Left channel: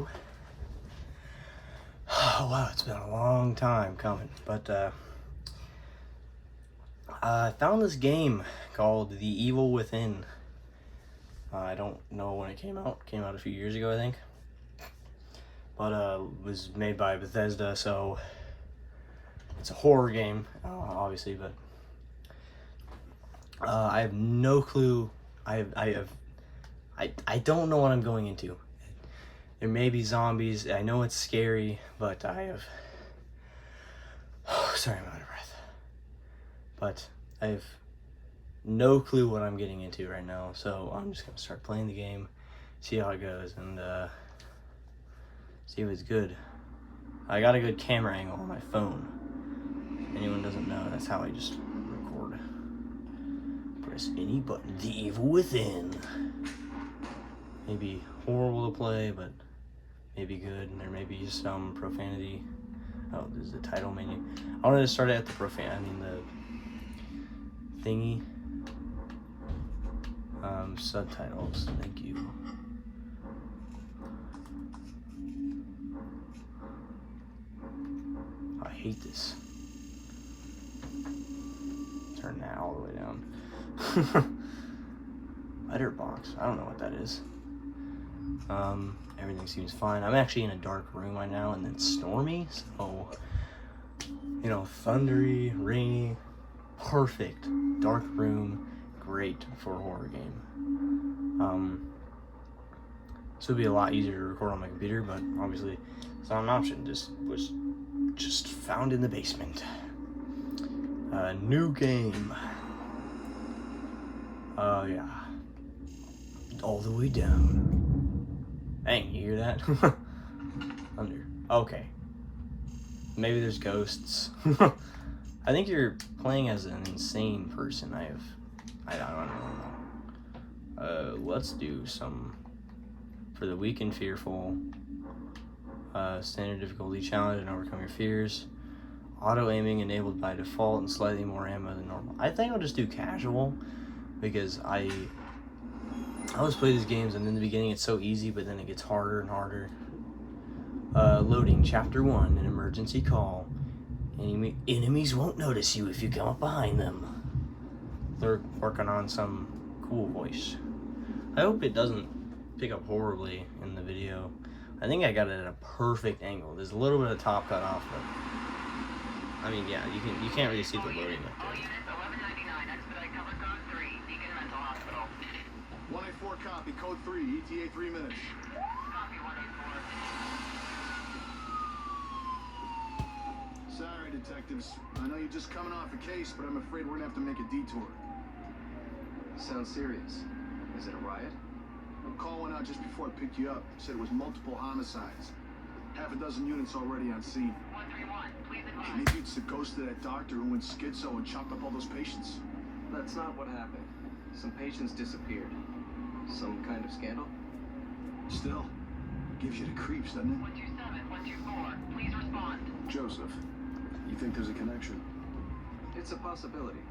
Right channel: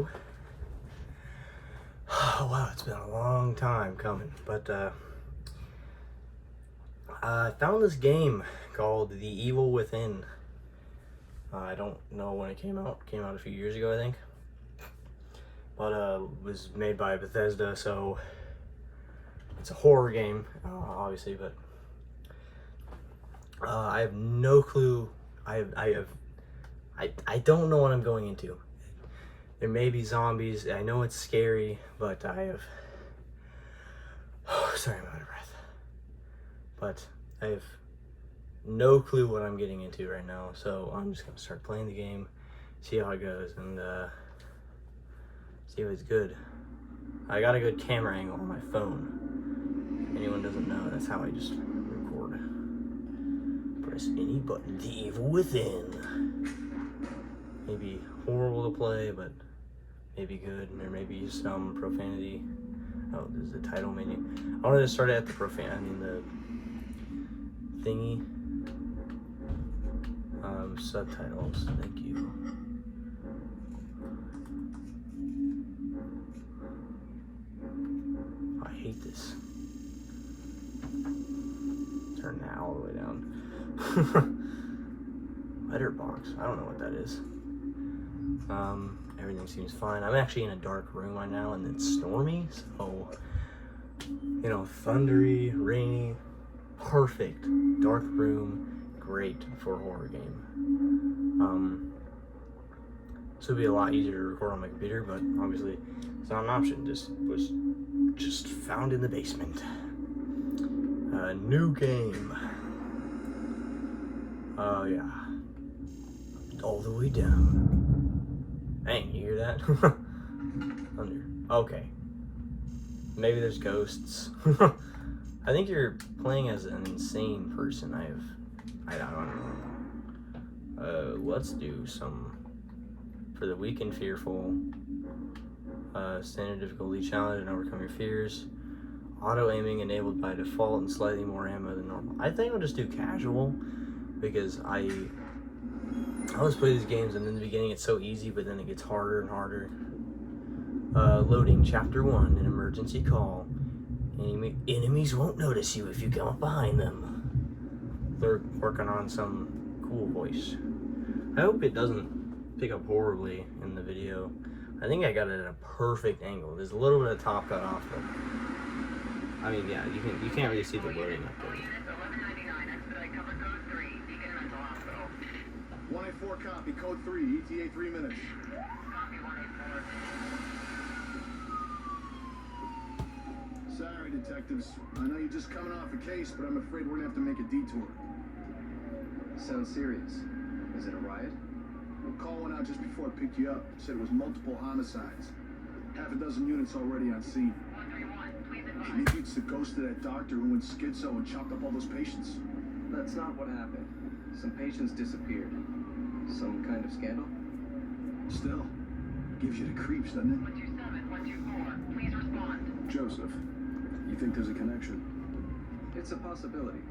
video. Oh, wow, it's been a long time coming, but I found this game called The Evil Within. I don't know when it came out. It came out a few years ago, I think. But was made by Bethesda, so it's a horror game, obviously. But I have no clue. I don't know what I'm going into. There may be zombies. I know it's scary, but I have. Oh, sorry, I'm out of breath. But I have no clue what I'm getting into right now, so I'm just gonna start playing the game, see how it goes, and see if it's good. I got a good camera angle on my phone. If anyone doesn't know, that's how I just record. Press any button. The Evil Within. Maybe horrible to play, but maybe good, and there may be some profanity. Oh, this is the title menu. I wanted to start at the the thingy. Subtitles, thank you. I hate this. Turn that all the way down. Letterbox, I don't know what that is. Everything seems fine. I'm actually in a dark room right now, and it's stormy, so, you know, thundery, rainy, perfect. Dark room, great for a horror game. This would be a lot easier to record on my computer, but obviously it's not an option. Was just found in the basement. New game. Oh yeah. All the way down. Hey, you hear that? Thunder. Okay. Maybe there's ghosts. I think you're playing as an insane person. I don't know. Let's do some for the weak and fearful. Standard difficulty challenge and overcome your fears. Auto aiming enabled by default and slightly more ammo than normal. I think I'll just do casual because I always play these games and in the beginning it's so easy, but then it gets harder and harder. Loading chapter 1, an emergency call. Enemies won't notice you if you come up behind them. They're working on some cool voice. I hope it doesn't pick up horribly in the video. I think I got it at a perfect angle. There's a little bit of top cut off, but I mean, yeah, you can't really see the loading up there. 184 copy, code 3, ETA 3 minutes. Sorry, detectives. I know you're just coming off a case, but I'm afraid we're gonna have to make a detour. Sounds serious. Is it a riot? A call went out just before I picked you up. Said it was multiple homicides. Half a dozen units already on scene. 131, please advise. Maybe it's the ghost of that doctor who went schizo and chopped up all those patients. That's not what happened. Some patients disappeared. Some kind of scandal? Still, gives you the creeps, doesn't it? 127, 124, please respond. Joseph, you think there's a connection? It's a possibility.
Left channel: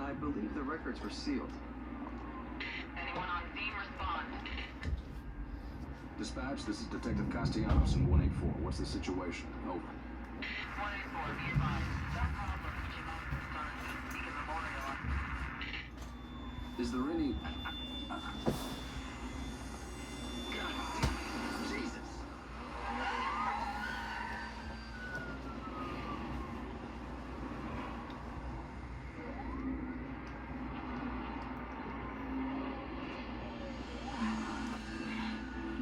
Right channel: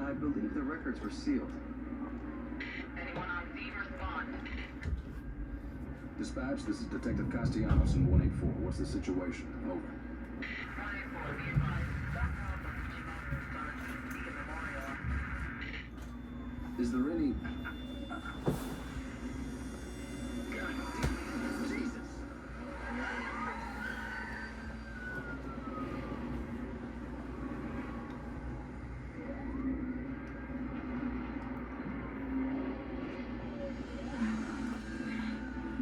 I believe the records were sealed. Anyone on scene, respond. Dispatch, this is Detective Castellanos in 184. What's the situation? Over. 184, be advised. That call from Ch1 on a Beacon Memorial. Is there any... Jesus!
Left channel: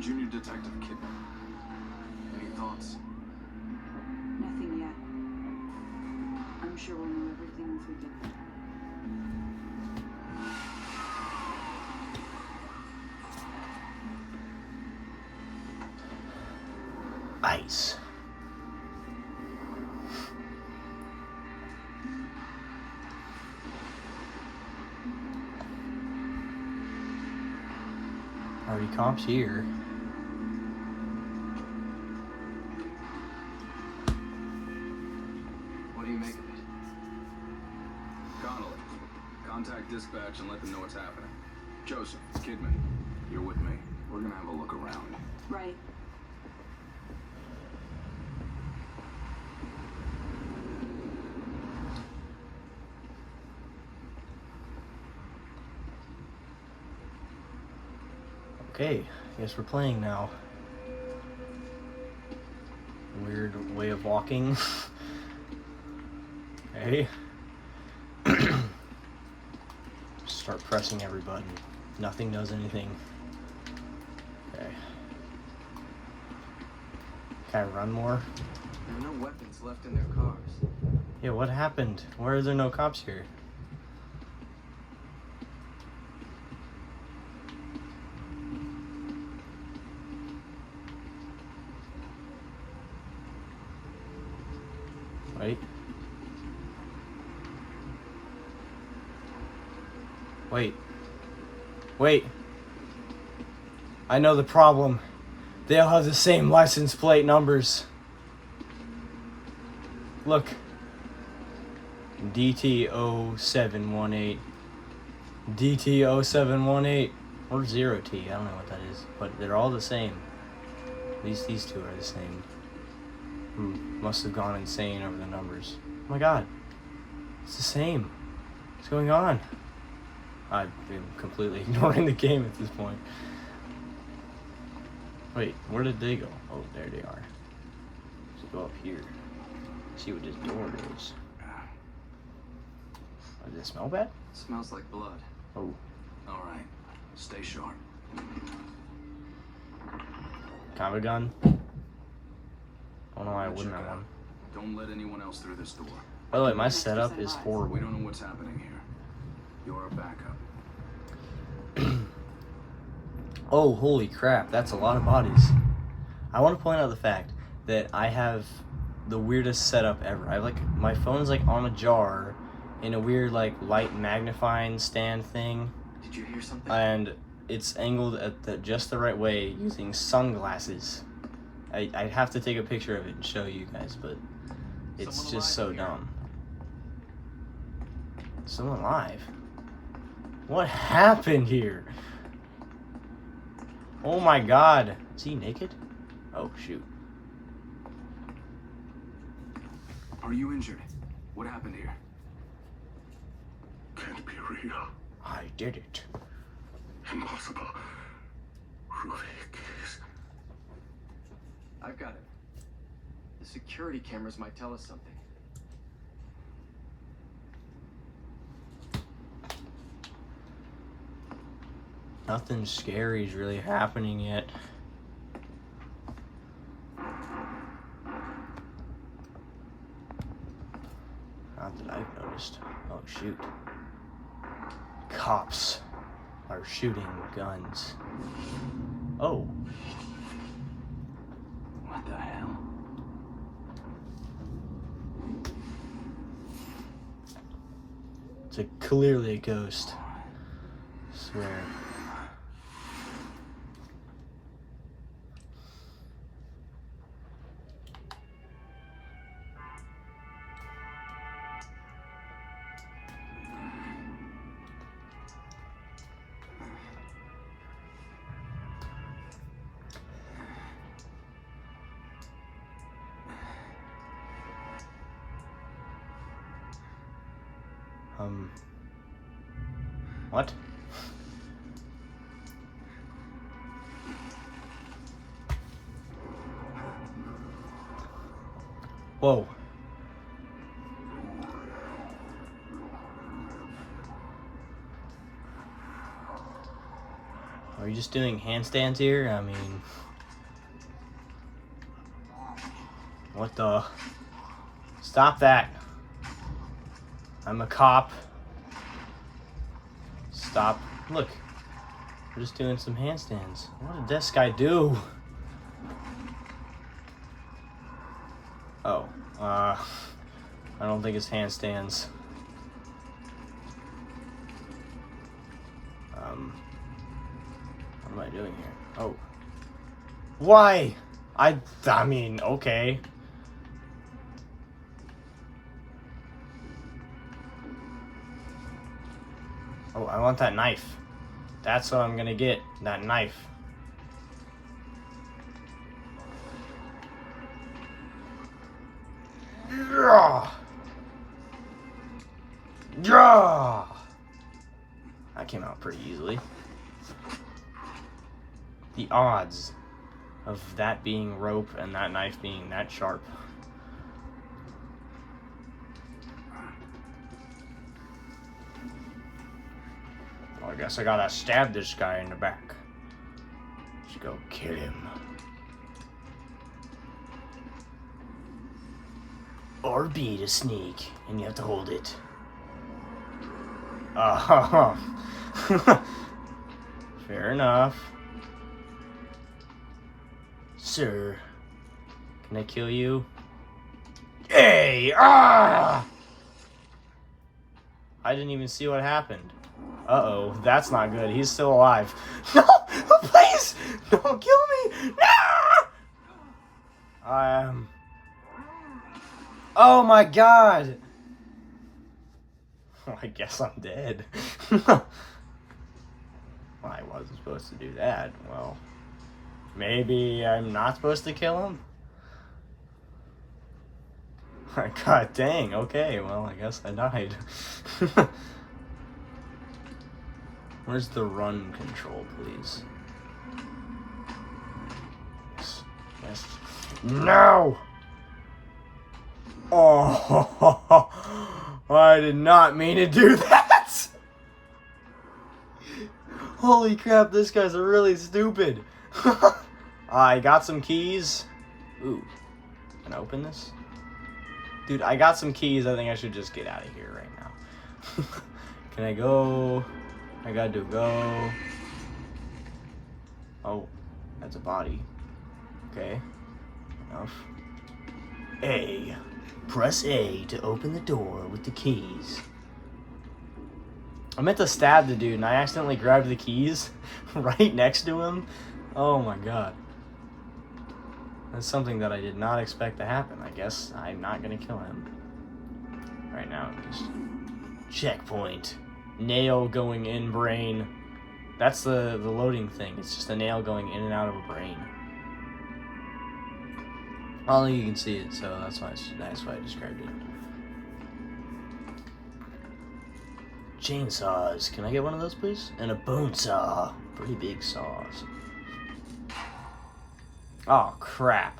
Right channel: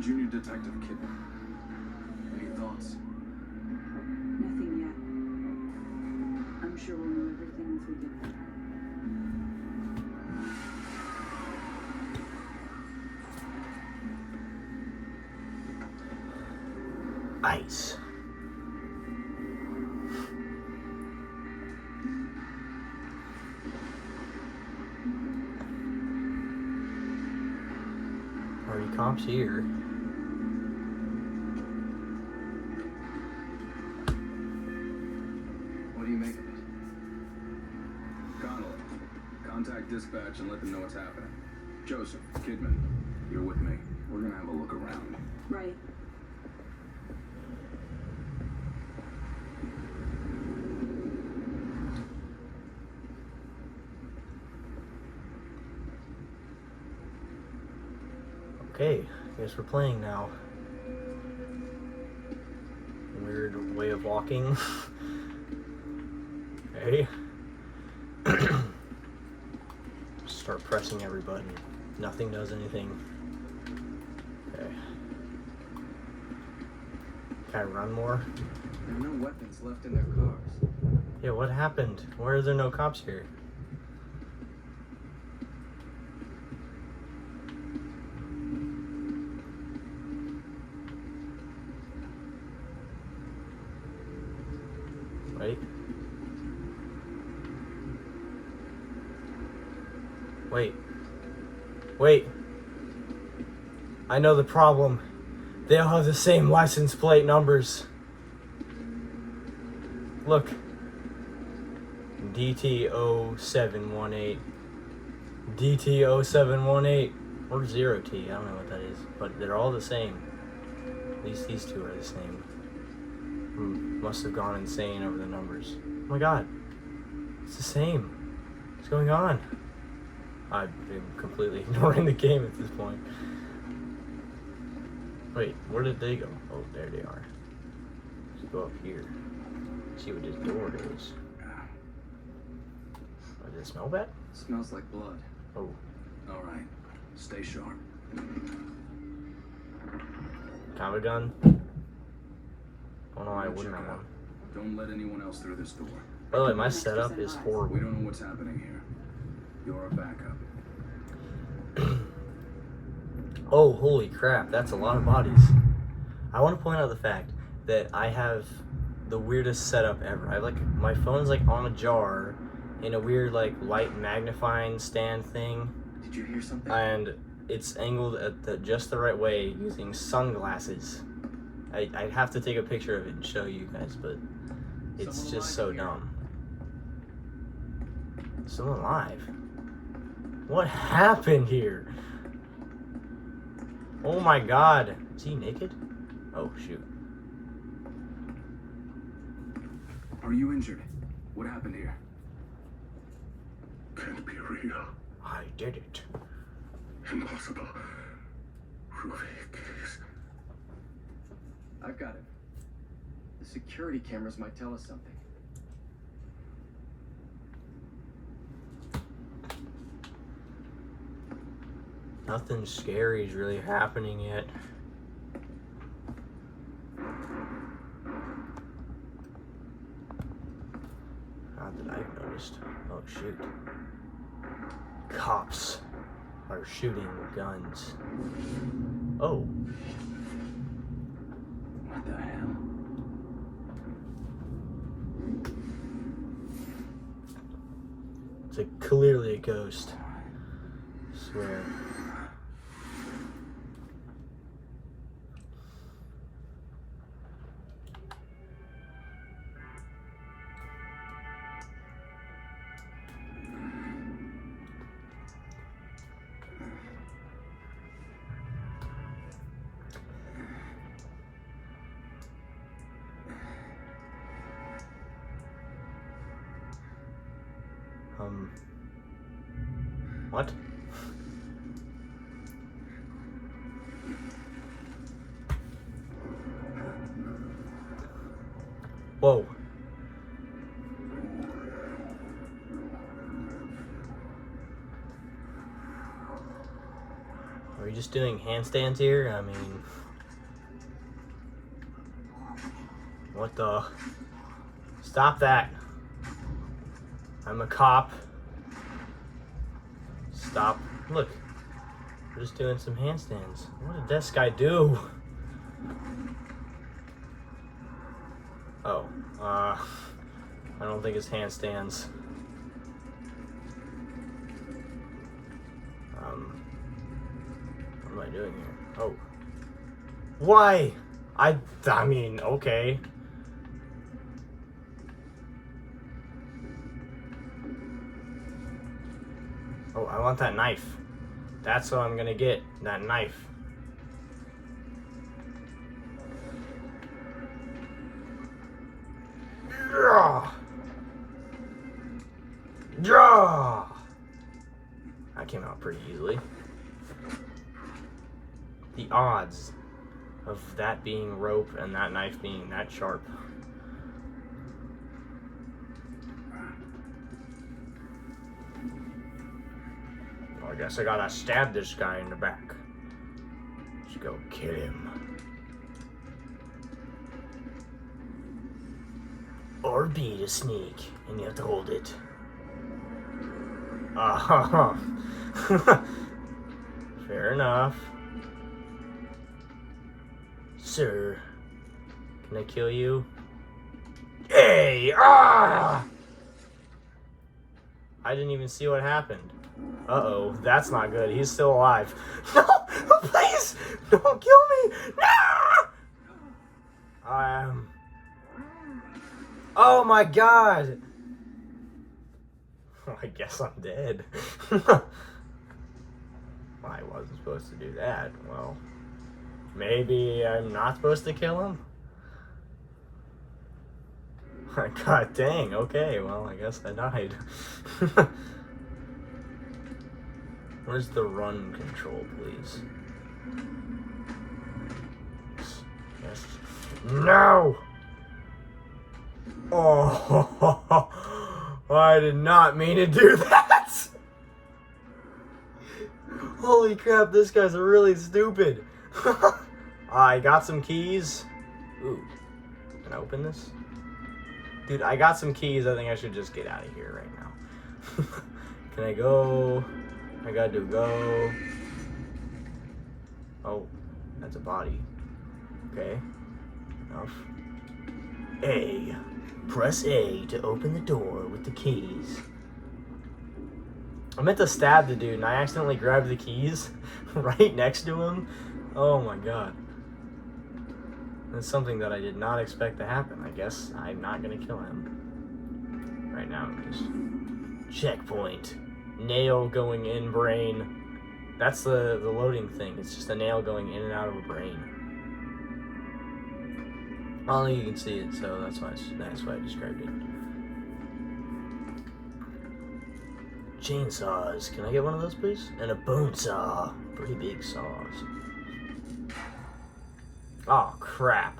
Junior Detective Kidman. Any thoughts? Nothing yet. I'm sure we'll know everything once we get there. Nice. Party cops here. What do you make of it? Connolly, contact dispatch and let them know what's happening. Joseph, Kidman, you're with me. We're gonna have a look around. Right. Okay, I guess we're playing now. Weird way of walking. Hey. Start pressing every button. Nothing does anything. Okay. Can I run more? There are no weapons left in their cars. Yeah, what happened? Why are there no cops here? Wait. Wait. Wait. I know the problem. They all have the same license plate numbers. Look. DT0718. DT0718. Or 0T. I don't know what that is. But they're all the same. These two are the same. Must have gone insane over the numbers. Oh my god. It's the same. What's going on? I've been completely ignoring the game at this point. Wait, where did they go? Oh, there they are. Let's go up here. See what this door is. Oh, does it smell bad? Smells like blood. Oh. All right. Stay sharp. Have a gun? Oh no, I wouldn't have one. Don't let anyone else through this door. By the way, my setup is horrible. We don't know what's happening here. You're a backup. Oh, holy crap, that's a lot of bodies. I want to point out the fact that I have the weirdest setup ever. I have like, my phone is like on a jar in a weird like light magnifying stand thing. Did you hear something? And it's angled at just the right way using sunglasses. I'd have to take a picture of it and show you guys, but it's Someone just so alive here. dumb. Someone alive? What happened here? Oh my god. Is he naked? Oh shoot. Are you injured? What happened here? Can't be real. I did it. Impossible. Rubik is... I've got it. The security cameras might tell us something. Nothing scary is really happening yet. Not that I've noticed. Oh shoot. Cops are shooting guns. Oh. What the hell? It's clearly a ghost. I swear. What? Whoa. Are we just doing handstands here? I mean... What the... Stop that. I'm a cop. Stop. Look. We're just doing some handstands. What did this guy do? Oh. I don't think it's handstands. What am I doing here? Oh. Why? I mean, okay. Oh, I want that knife. That's what I'm gonna get. That knife. Yeah. Yeah. That came out pretty easily. The odds of that being rope and that knife being that sharp. I guess I gotta stab this guy in the back. Let's go kill him. Or beat a snake, and you have to hold it. Oh, fair enough. Sir, can I kill you? Hey! Ah! I didn't even see what happened. Uh-oh, that's not good. He's still alive. No! Please! Don't kill me! No! Oh my god! I guess I'm dead. Well, I wasn't supposed to do that. Well, maybe I'm not supposed to kill him? God dang, okay, well, I guess I died. Where's the run control, please? Yes. Yes. No! Oh, I did not mean to do that! Holy crap, this guy's really stupid. I got some keys. Ooh, can I open this? Dude, I got some keys. I think I should just get out of here right now. Can I go? I got to go. Oh, that's a body. Okay, enough. A. Press A to open the door with the keys. I meant to stab the dude and I accidentally grabbed the keys right next to him. Oh my god. That's something that I did not expect to happen. I guess I'm not gonna kill him. Right now, just checkpoint. Nail going in brain. That's the loading thing. It's just a nail going in and out of a brain. Only you can see it, so that's why I described it. Chainsaws. Can I get one of those, please? And a bone saw. Pretty big saws. Oh, crap.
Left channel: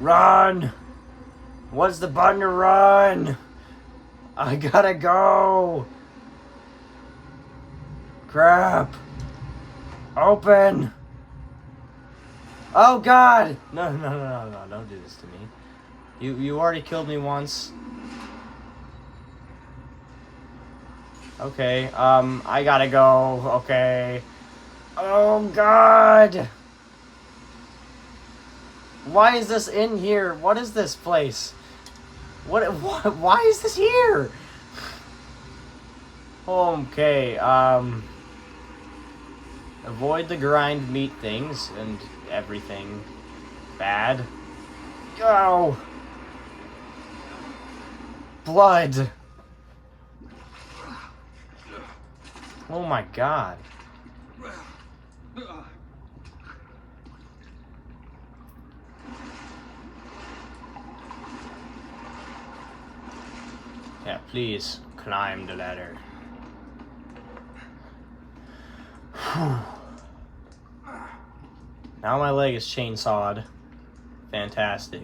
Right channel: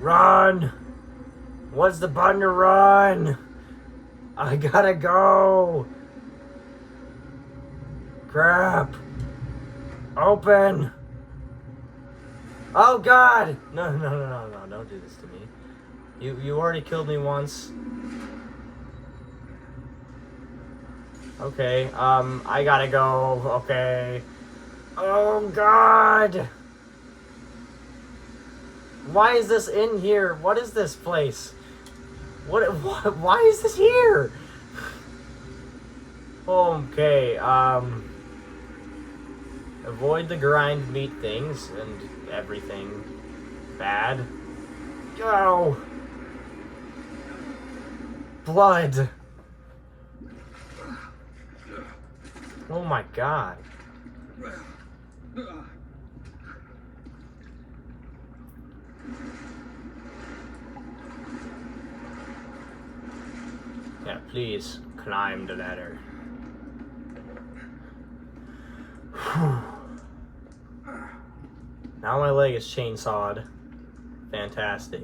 Run! What's the button to run? I gotta go! Crap! Open! Oh god! No, don't do this to me. You already killed me once. Okay, I gotta go, okay. Oh god! Why is this in here? What is this place? Why is this here? Okay, avoid the grind meat things and everything bad. Go! Blood! Oh my god. Yeah, please climb the ladder. Whew. Now my leg is chainsawed. Fantastic.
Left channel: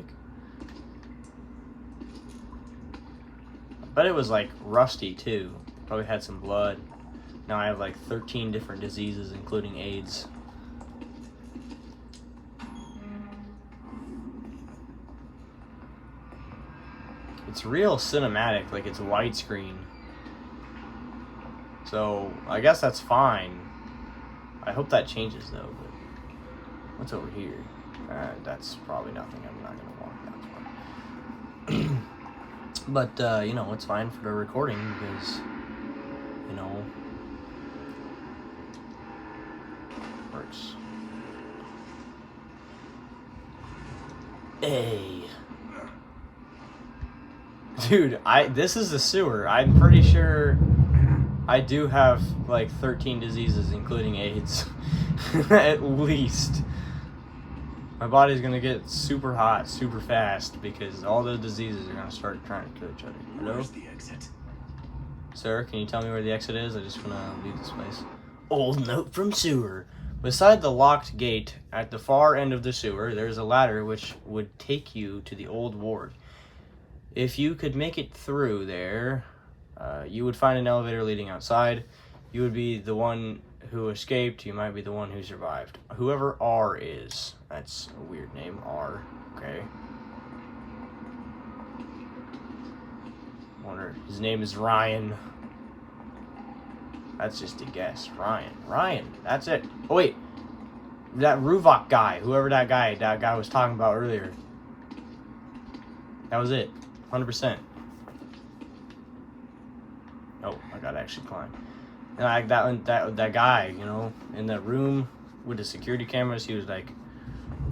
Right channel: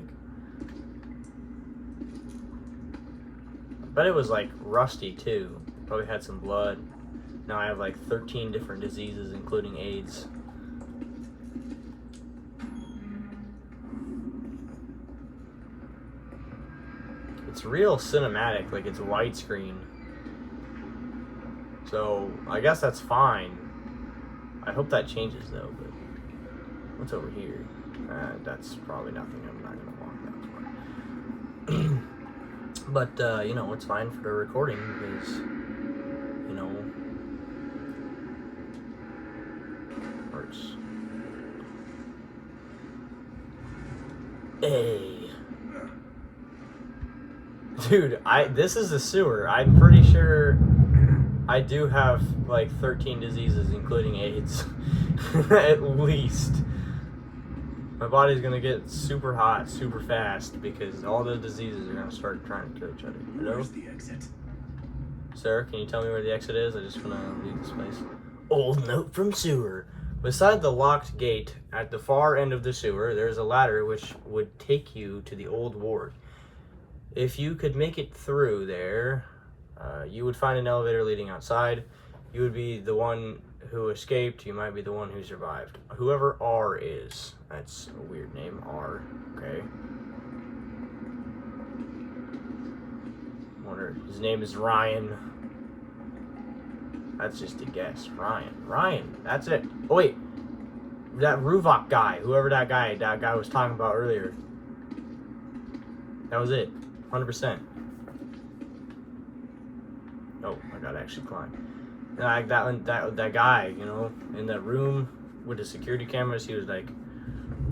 But it was like rusty too. Probably had some blood. Now I have like 13 different diseases, including AIDS. It's real cinematic, like it's widescreen. So I guess that's fine. I hope that changes though. But what's over here? That's probably nothing. I'm not gonna walk that far. But you know, it's fine for the recording because you know works. Dude, this is a sewer. I'm pretty sure I do have like 13 diseases, including AIDS. At least. My body's gonna get super hot, super fast, because all the diseases are gonna start trying to kill each other. Hello? Where's the exit? Sir, can you tell me where the exit is? I just want to leave this place. Old note from sewer. Beside the locked gate at the far end of the sewer, there is a ladder which would take you to the old ward. If you could make it through there, you would find an elevator leading outside. You would be the one who escaped. You might be the one who survived. Whoever R is. That's a weird name. R. Okay. Wonder. His name is Ryan. That's just a guess. Ryan. That's it. Oh, wait. That Ruvok guy. Whoever that guy was talking about earlier. That was it. 100%. Oh, I gotta actually climb. And like that guy, you know, in that room with the security cameras, he was like,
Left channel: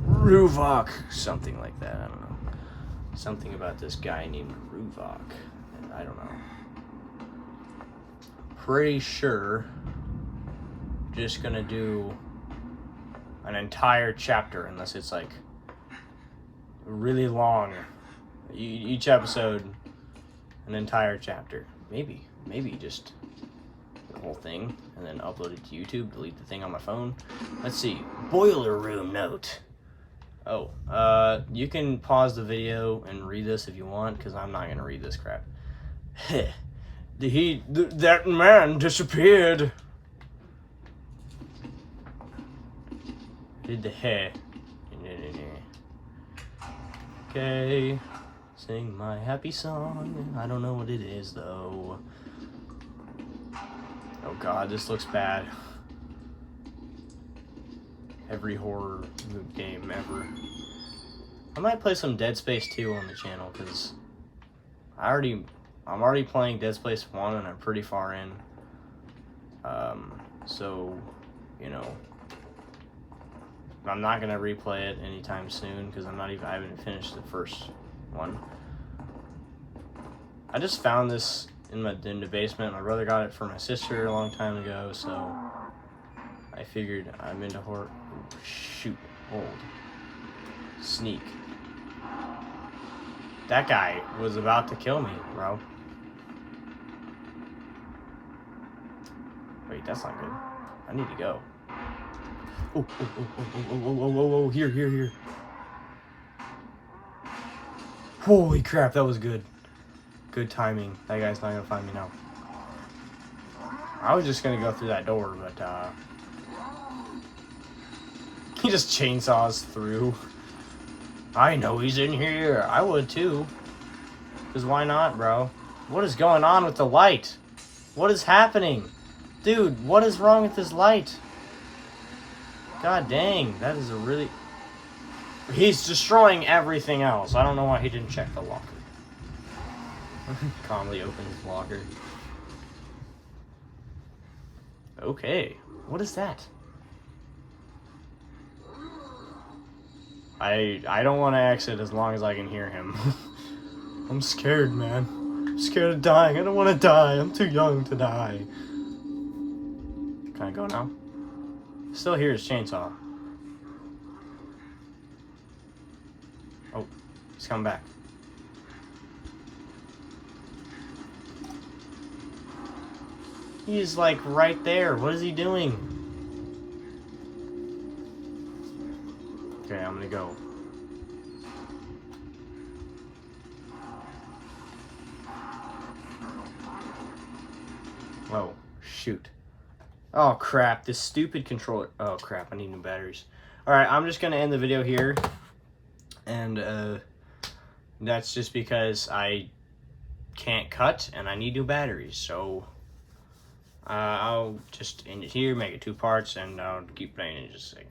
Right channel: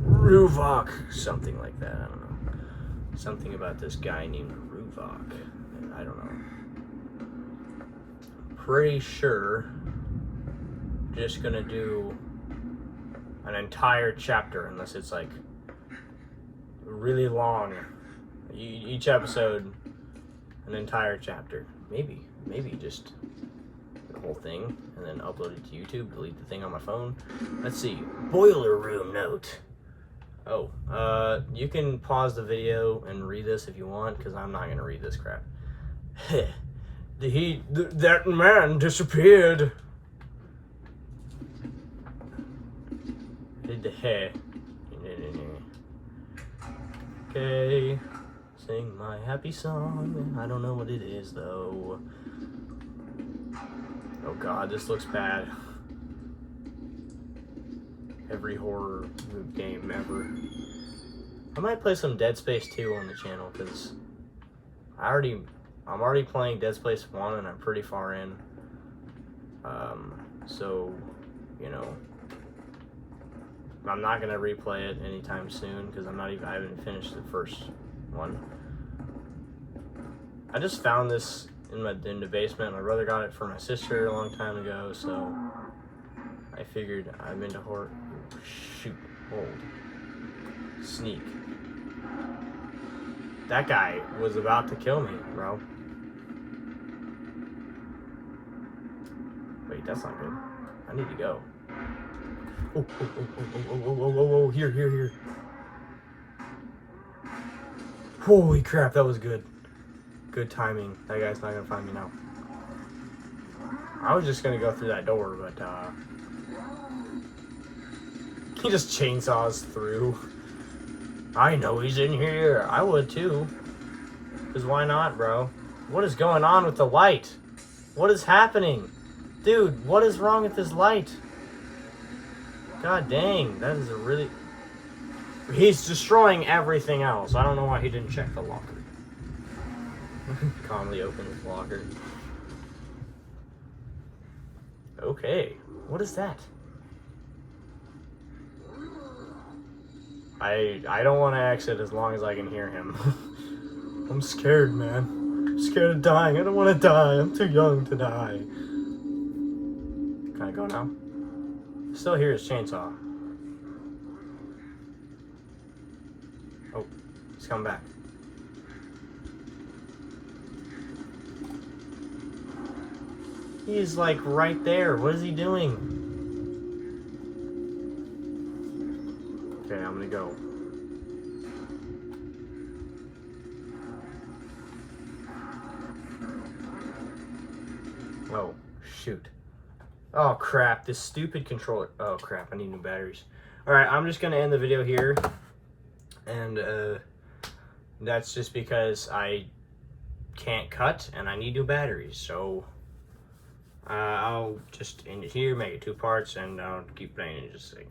Ruvok. Something like that. I don't know. Something about this guy named Ruvok. I don't know. Pretty sure just gonna do an entire chapter, unless it's like really long. Each episode, an entire chapter. Maybe just the whole thing, and then upload it to YouTube, delete the thing on my phone. Let's see. Boiler room note. Oh, you can pause the video and read this if you want, because I'm not gonna read this crap. That man disappeared. Did the hair. Okay. Sing my happy song. I don't know what it is though. Oh god, this looks bad. Every horror game ever. I might play some Dead Space 2 on the channel, because I'm already playing Dead Space 1 and I'm pretty far in. So, you know, I'm not gonna replay it anytime soon, because I haven't finished the first one. I just found this in the basement. My brother got it for my sister a long time ago, so I figured I'm into horror. Shoot, hold, sneak. That guy was about to kill me, bro. Wait, that's not good. I need to go. Oh, here. Holy crap, that was good. Good timing. That guy's not gonna find me now. I was just gonna go through that door, but he just chainsaws through. I know he's in here. I would too. Because why not, bro? What is going on with the light? What is happening? Dude, what is wrong with this light? God dang, that is a really... He's destroying everything else. I don't know why he didn't check the locker. Calmly open his locker. Okay, what is that? I don't want to exit as long as I can hear him. I'm scared, man. I'm scared of dying. I don't want to die. I'm too young to die. Can I go now? Still hear his chainsaw. Oh, he's coming back. He's like right there. What is he doing? Okay, I'm gonna go. Oh, shoot. Oh crap, this stupid controller. Oh crap, I need new batteries. Alright, I'm just gonna end the video here. And that's just because I can't cut and I need new batteries. So I'll just end it here, make it 2 parts, and I'll keep playing in just a second.